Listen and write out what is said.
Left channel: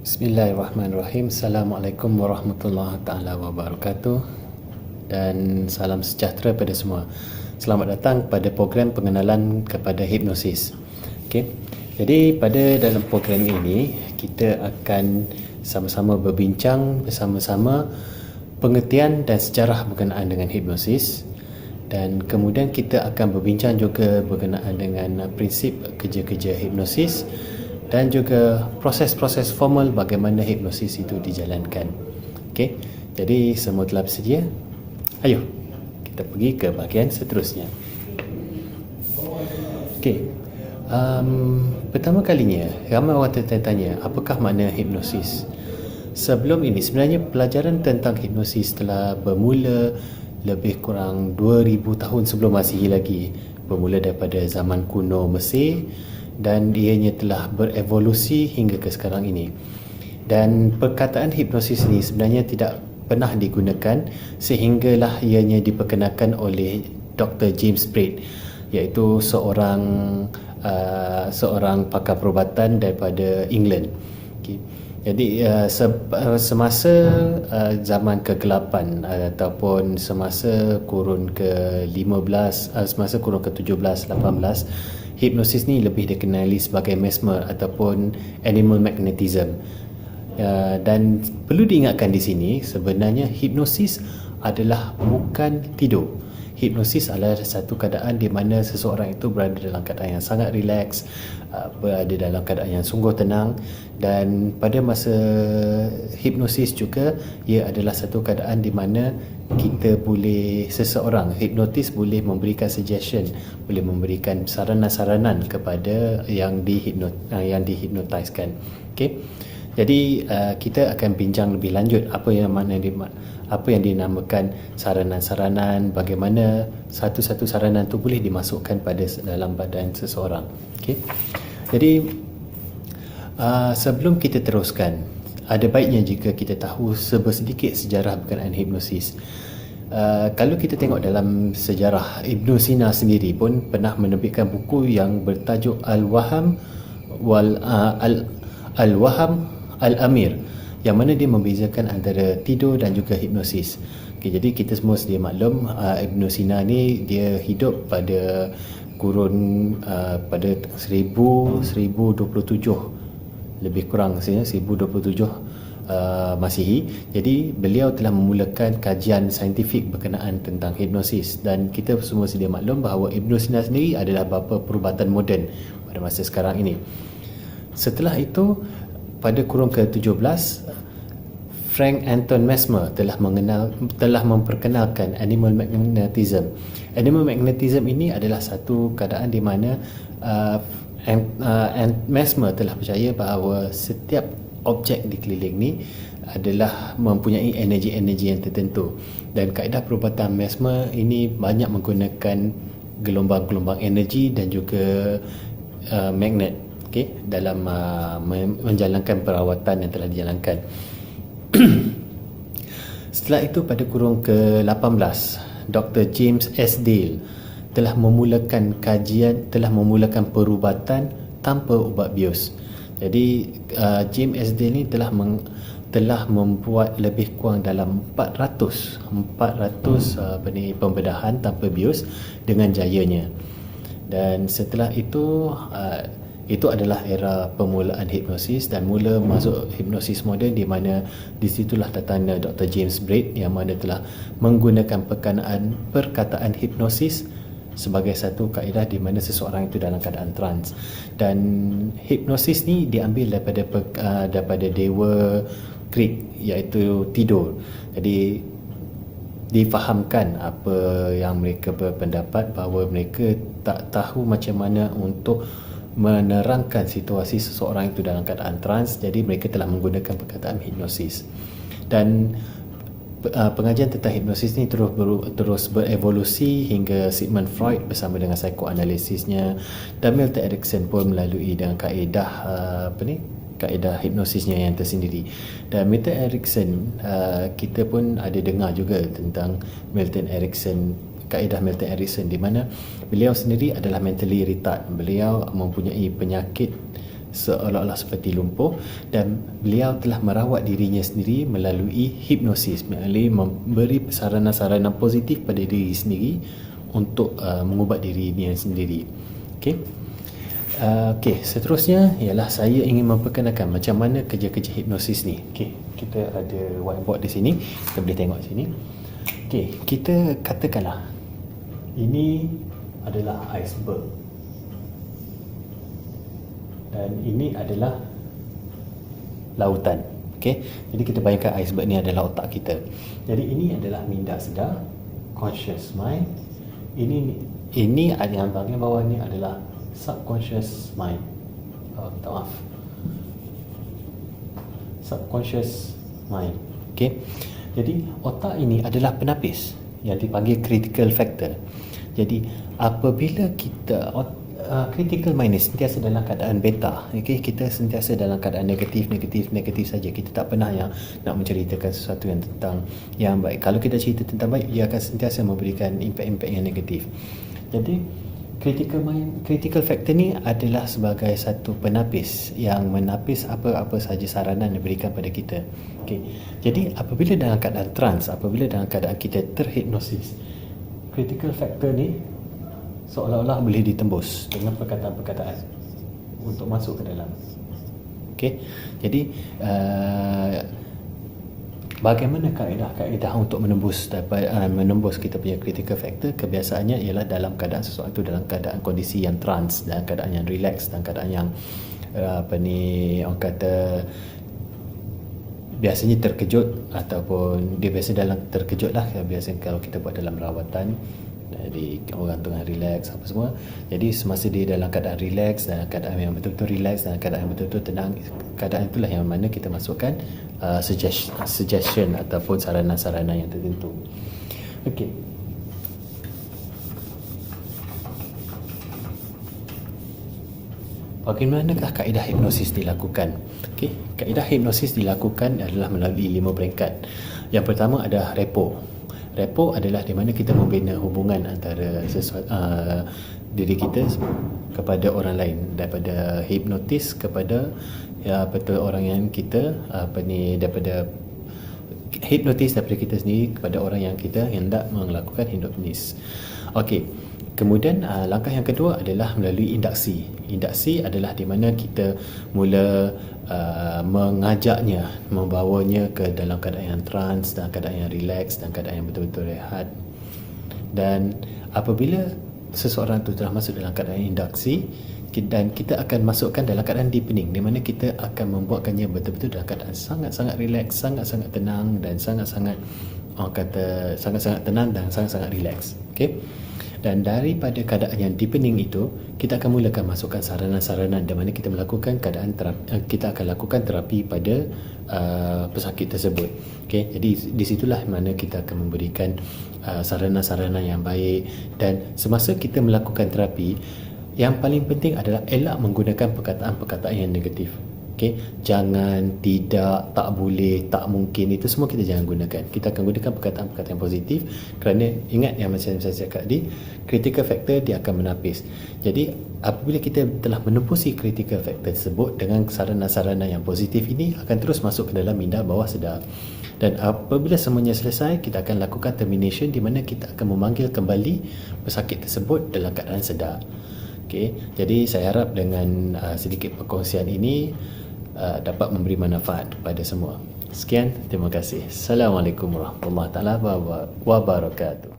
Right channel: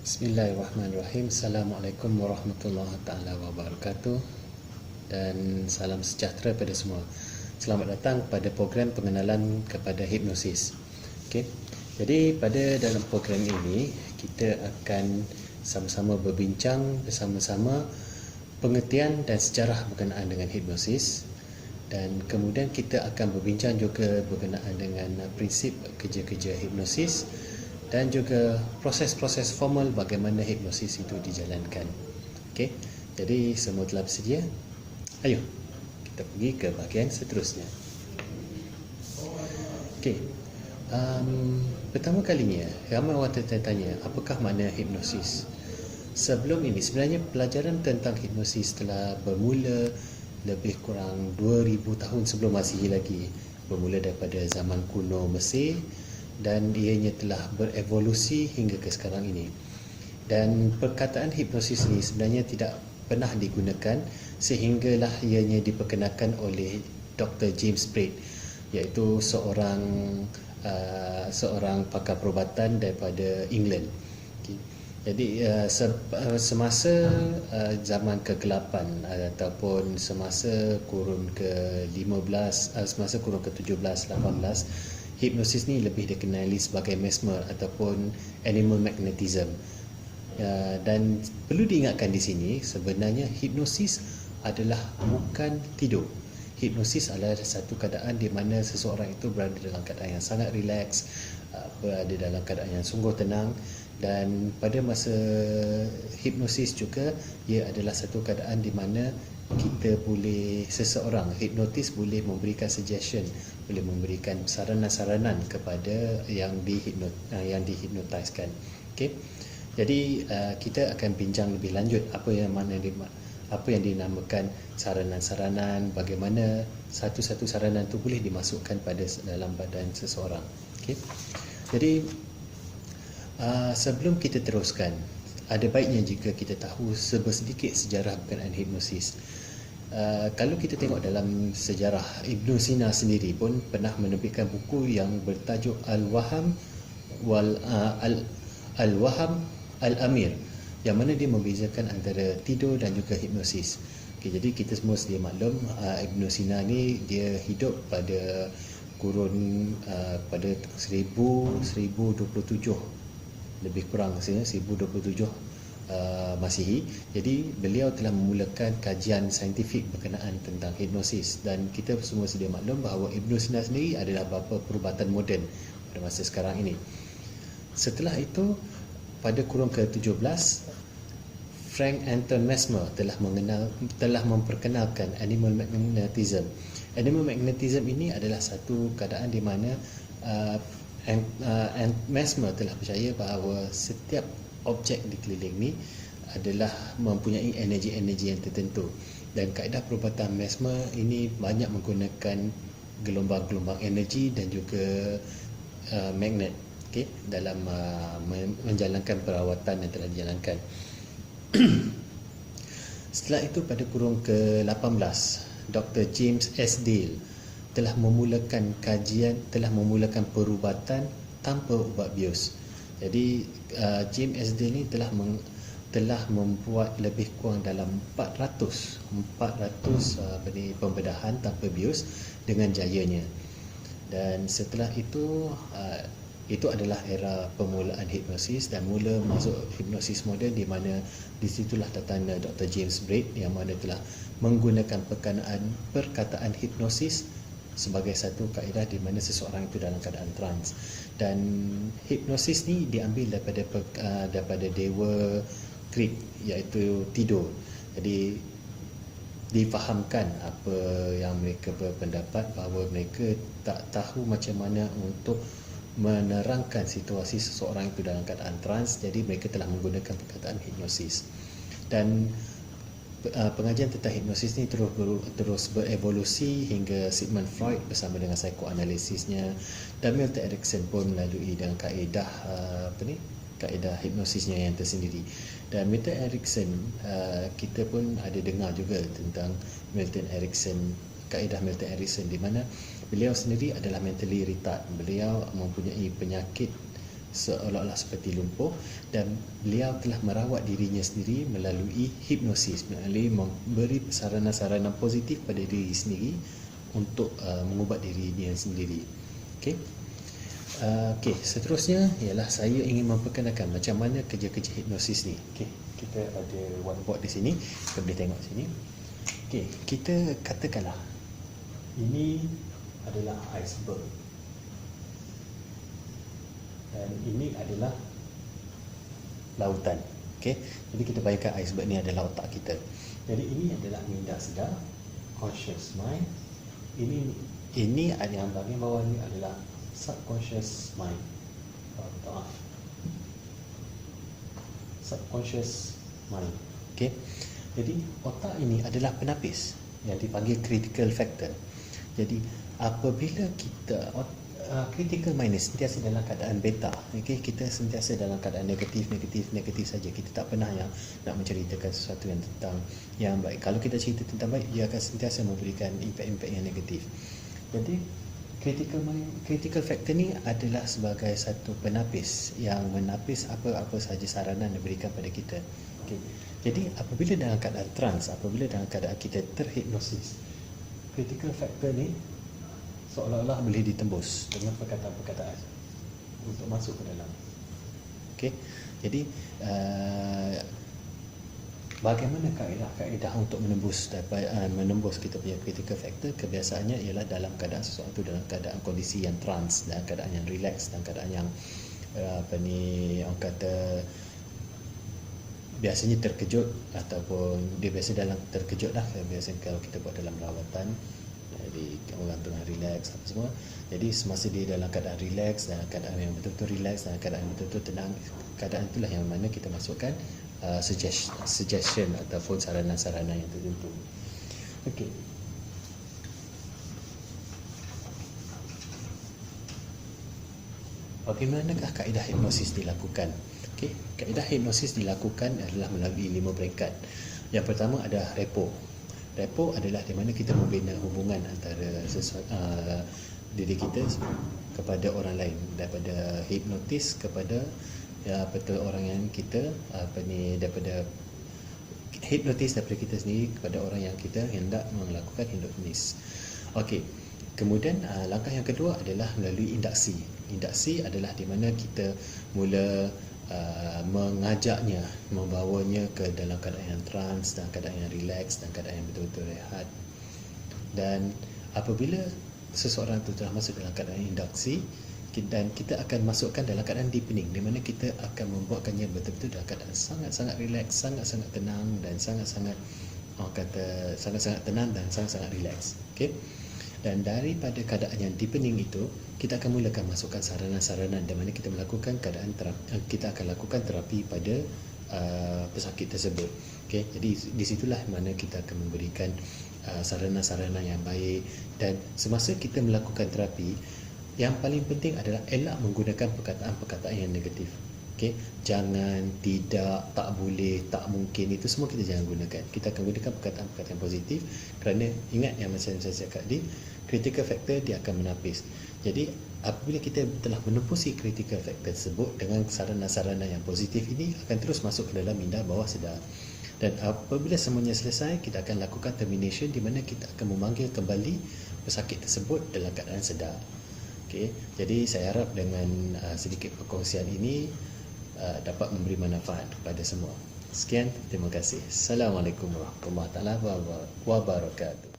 Bismillahirrahmanirrahim. Assalamualaikum warahmatullahi taala wabarakatuh dan salam sejahtera pada semua. Selamat datang pada program pengenalan kepada hipnosis. Okey. Jadi pada dalam program ini kita akan sama-sama berbincang bersama-sama pengertian dan sejarah berkenaan dengan hipnosis, dan kemudian kita akan berbincang juga berkenaan dengan prinsip kerja-kerja hipnosis dan juga proses-proses formal bagaimana hipnosis itu dijalankan. Okey. Jadi semua telah bersedia? Ayo kita pergi ke bahagian seterusnya. Okey. Pertama kalinya ramai orang tertanya apakah makna hipnosis. Sebelum ini sebenarnya pelajaran tentang hipnosis telah bermula lebih kurang 2000 tahun sebelum Masihi lagi, bermula daripada zaman kuno Mesir, dan ianya telah berevolusi hingga ke sekarang ini. Dan perkataan hipnosis ini sebenarnya tidak pernah digunakan sehinggalah ianya diperkenalkan oleh Dr. James Braid, iaitu seorang pakar perubatan daripada England. Okay. Jadi semasa zaman kegelapan ataupun semasa kurun ke-15, semasa kurun ke-17, 18, hipnosis ni lebih dikenali sebagai mesmer ataupun animal magnetism. Dan perlu diingatkan di sini, sebenarnya hipnosis adalah bukan tidur. Hipnosis adalah satu keadaan di mana seseorang itu berada dalam keadaan yang sangat rileks, berada dalam keadaan yang sungguh tenang, dan pada masa hipnosis juga ia adalah satu keadaan di mana seseorang hipnotis boleh memberikan suggestion, boleh memberikan saranan-saranan kepada yang dihipnotiskan. Okey. Jadi kita akan bincang lebih lanjut apa yang dinamakan saranan-saranan, bagaimana satu-satu saranan itu boleh dimasukkan pada dalam badan seseorang. Okey. Jadi sebelum kita teruskan, ada baiknya jika kita tahu sedikit sejarah berkenaan hipnosis. Kalau kita tengok dalam sejarah, Ibn Sina sendiri pun pernah menerbitkan buku yang bertajuk Al-Waham Al-Amir, yang mana dia membezakan antara tidur dan juga hipnosis. Okay, jadi kita semua sedia maklum, Ibn Sina ni dia hidup pada kurun pada 1027 lebih kurang 1027 Masihi. Jadi beliau telah memulakan kajian saintifik berkenaan tentang hipnosis, dan kita semua sedia maklum bahawa Ibn Sina sendiri adalah bapa perubatan moden pada masa sekarang ini. Setelah itu, pada kurun ke-17, Frank Anton Mesmer telah memperkenalkan animal magnetism. Animal magnetism ini adalah satu keadaan di mana Mesmer telah percaya bahawa setiap objek di keliling ni adalah mempunyai energi-energi yang tertentu, dan kaedah perubatan Mesmer ini banyak menggunakan gelombang-gelombang energi dan juga magnet, okay, dalam menjalankan perawatan yang telah dijalankan. Setelah itu pada kurun ke-18, Dr. James S. Dale telah memulakan perubatan tanpa ubat bius. Jadi James S. Dale ni telah membuat lebih kurang dalam 400 pembedahan tanpa bius dengan jayanya. Dan setelah itu adalah era permulaan hipnosis dan mula masuk hipnosis moden, di mana disitulah datangnya Dr. James Braid yang mana telah menggunakan perkataan hipnosis sebagai satu kaedah di mana seseorang itu dalam keadaan trans. Dan hipnosis ni diambil daripada dewa Krit, iaitu tidur. Jadi difahamkan apa yang mereka berpendapat bahawa mereka tak tahu macam mana untuk menerangkan situasi seseorang itu dalam keadaan trans, jadi mereka telah menggunakan perkataan hipnosis. Dan pengajian tentang hipnosis ni terus berevolusi hingga Sigmund Freud bersama dengan psikoanalisisnya, dan Milton Erickson pun melalui dengan kaedah hipnosisnya yang tersendiri. Dan Milton Erickson, kita pun ada dengar juga tentang kaedah Milton Erickson, di mana beliau sendiri adalah mentally retard. Beliau mempunyai penyakit seolah-olah seperti lumpuh, dan beliau telah merawat dirinya sendiri melalui hipnosis, melalui memberi saranan-saranan positif pada diri sendiri untuk mengubat dirinya sendiri. Okey. Okey, seterusnya ialah saya ingin memperkenalkan macam mana kerja-kerja hipnosis ni. Okey, kita ada whiteboard di sini, kita boleh tengok sini. Okey, kita katakanlah ini adalah iceberg. Dan ini adalah lautan. Okey, jadi kita bayangkan iceberg ni adalah otak kita. Jadi ini adalah minda sedar, conscious mind. Ini yang bahagian bawah ni adalah subconscious mind. Minta maaf. Subconscious mind. Okey. Jadi otak ini adalah penapis yang dipanggil critical factor. Jadi apabila kita critical mind ni sentiasa dalam keadaan beta, okey, kita sentiasa dalam keadaan negatif saja. Kita tak pernah yang nak menceritakan sesuatu yang tentang yang baik. Kalau kita cerita tentang baik, ia akan sentiasa memberikan impact-impact yang negatif. Jadi critical factor ni adalah sebagai satu penapis yang menapis apa-apa saja saranan yang diberikan pada kita. Okey. Jadi apabila dalam keadaan trance, apabila dalam keadaan kita terhipnosis, critical factor ni seolah-olah boleh ditembus dengan perkataan-perkataan untuk masuk ke dalam. Okey. Jadi bagaimana kaedah untuk menembus kita punya critical factor? Kebiasaannya ialah dalam keadaan sesuatu, dalam keadaan kondisi yang trance, dalam keadaan yang relax, dalam keadaan yang orang kata biasanya terkejut, ataupun dia biasa dalam terkejut lah. Biasanya kalau kita buat dalam rawatan, jadi orang tengah relax apa semua. Jadi semasa dia dalam keadaan relax, dalam keadaan yang betul-betul relax, dalam keadaan yang betul-betul tenang, keadaan itulah yang mana kita masukkan suggestion ataupun saranan-saranan yang tertentu. Okey. Bagaimanakah kaedah hipnosis dilakukan? Okey, kaedah hipnosis dilakukan adalah melalui 5 peringkat. Yang pertama adalah repo. Repo adalah di mana kita membina hubungan antara diri kita kepada orang lain, daripada hipnotis kepada betul orang yang kita daripada hipnotis daripada kita sendiri kepada orang yang kita hendak melakukan hipnotis. Okey. Kemudian langkah yang kedua adalah melalui induksi. Induksi adalah di mana kita mula mengajaknya, membawanya ke dalam keadaan yang trance, dalam keadaan yang relax, dalam keadaan yang betul-betul rehat. Dan apabila seseorang itu telah masuk dalam keadaan induksi, dan kita akan masukkan dalam keadaan deepening, di mana kita akan membuatkannya betul-betul dalam keadaan sangat-sangat relax, sangat-sangat tenang, dan sangat-sangat tenang dan sangat-sangat relax. Okey. Dan daripada keadaan yang deepening itu, kita akan mulakan masukkan saranan-saranan di mana kita melakukan kita akan lakukan terapi pada pesakit tersebut. Okey, jadi di situlah mana kita akan memberikan saranan-saranan yang baik. Dan semasa kita melakukan terapi, yang paling penting adalah elak menggunakan perkataan-perkataan yang negatif. Okey, jangan, tidak, tak boleh, tak mungkin, itu semua kita jangan gunakan. Kita akan gunakan perkataan-perkataan yang positif, kerana ingat yang macam saya cakap tadi, critical factor dia akan menapis. Jadi apabila kita telah menempusi critical factor tersebut dengan saranan-saranan yang positif ini, akan terus masuk ke dalam minda bawah sedar. Dan apabila semuanya selesai, kita akan lakukan termination, di mana kita akan memanggil kembali pesakit tersebut dalam keadaan sedar. Okey, jadi saya harap dengan sedikit perkongsian ini dapat memberi manfaat kepada semua. Sekian, terima kasih. Assalamualaikum warahmatullahi wabarakatuh.